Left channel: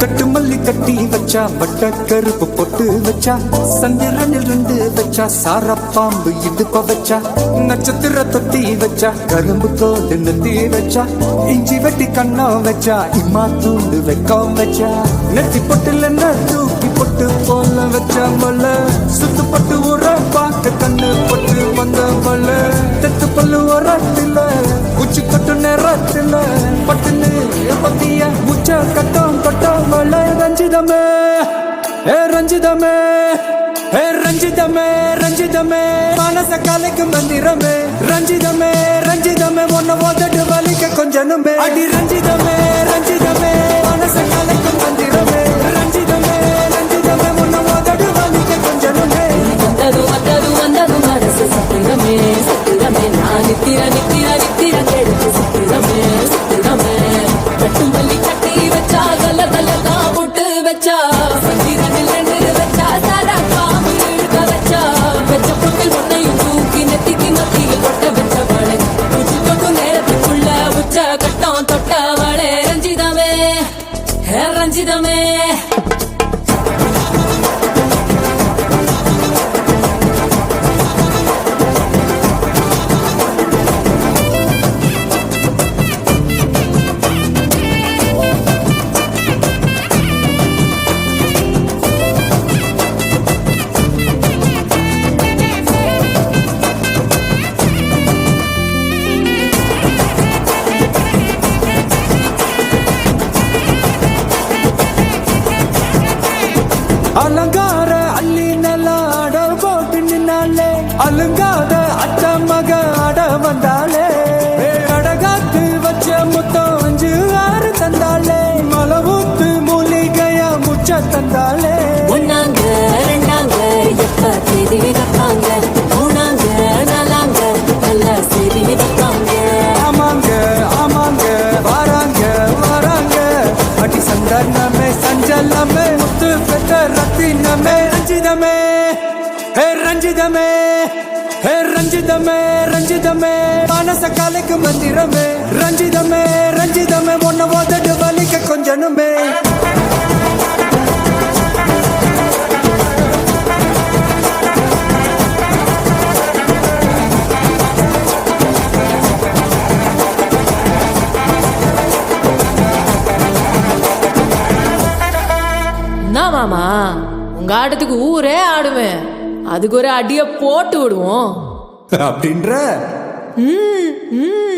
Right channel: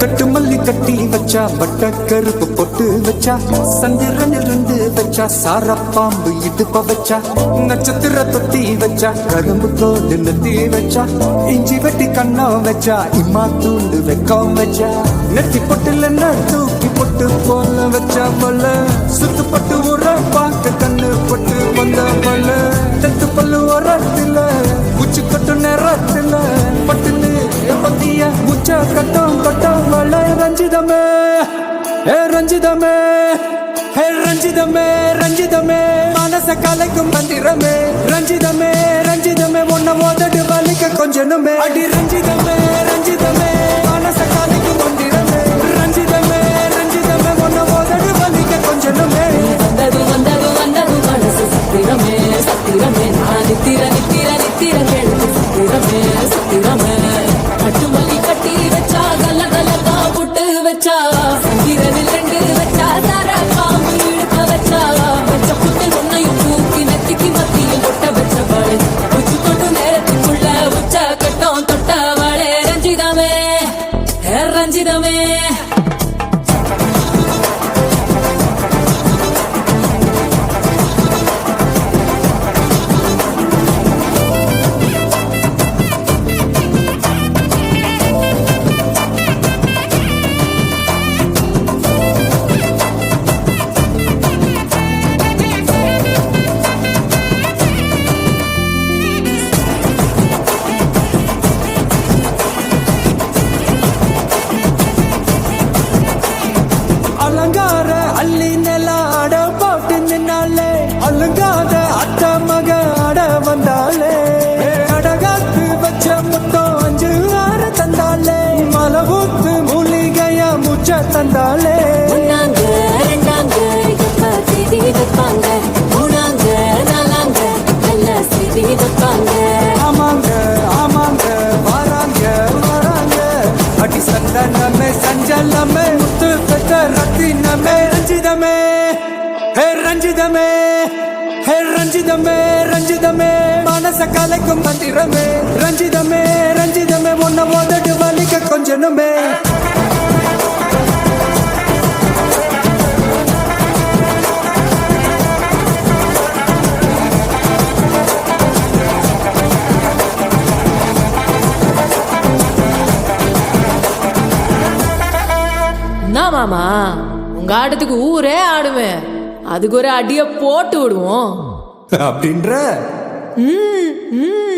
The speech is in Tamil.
கட்டு மல்லி கட்டி வச்சா வட்ட கருப்பு பொட்டு வச்சா சந்திரனில் ரெண்டு வச்சா சார பாம்பு இடுப்ப வச்சா நட்சத்திர தொட்டி வச்சா கரும்பு தோடு நெத்தி வச்சா இஞ்சி வெட்டி கண்ணம் வச்சா இம்மா தூண்டு வெக்கம் வச்சா நெத்தி பொட்டுல தூக்கி பொட்டு போல வச்சா மல்ல சுத்து பட்டு உர பார்க்க கண்ணு பொட்டு வந்த மல்ல தெத்து பல்லு உரத்துல உச்சி கட்டு நேரத்துல பட்டுன்னு பத்திய உச்ச கட்டம் கட்டம் மல்ல ரஞ்சிதமே ரஞ்சிதமே ரஞ்சிதமே ரஞ்சிதமே மனச கலைக்கும் மந்திரமே ரஞ்சிதமே ரஞ்சிதமே ஒன்ன மோதடி வலிக்க கொஞ்சனுமே அடி ரஞ்சிதமே ரஞ்சிதமே மனச கலைக்கும் மந்திரமே ரஞ்சிதமே ரஞ்சிதமே ஒன்ன மோதடி வலிக்க கொஞ்சனுமே வந்தது வந்தது வந்தது மனசு சத்திரமே சத்திரமே நான் நித்திர நித்திர நித்திரமே சத்திரமே சத்திரமே கட்டுமல்லி கட்டி வச்சா கல்ல கல்லா போட்டு வச்சா சந்திரனில் ரெண்டு வச்சா சாரா பாம்பு இழுக்க வச்சா வெச்ச புண்ணு ஒன்னையும் தூக்கி நெத்திக்கு மத்தியில் தொட்ட வச்ச வாழை கொஞ்சம் தொட்டு நேரத்துக்குள்ள உச்ச கட்டம் தொட்ட வாழை ரஞ்சிதமே ரஞ்சிதமே அலங்கார அள்ளி நில ஆட போட்டு நின்னாலே அலங்காத அத்த மக ஆட வந்தாலே கடகாத்து வச்ச முத்தம் வச்சு ஆறு தந்தாலே மரபூத்து மூலிகையா முச்ச தந்தாலே ஒன்னாங்க ரெண்டாங்க எப்ப செய்தி வைப்பாங்க மூணாங்க நாலாங்க நல்ல செய்தி வைப்பாங்க ஆமாங்க ஆமாங்க வராங்க வராங்க அடி சந்தனமே சஞ்சலமே முத்து பெற்ற ரத்தினமே ரஞ்சிதமே ரஞ்சிதமே ரஞ்சிதமே ரஞ்சிதமே மனச கலைக்கும் மந்திரமே ரஞ்சிதமே ரஞ்சிதமே ஒன்ன மோதடி வலிக்க கொஞ்சனுமே என்ன மாமா உங்க ஆட்டத்துக்கு ஊரே ஆடுவேன் அதுக்கு ஒரு அடிய போட்டு விடுவோம் அப்படின்ற ம் ம்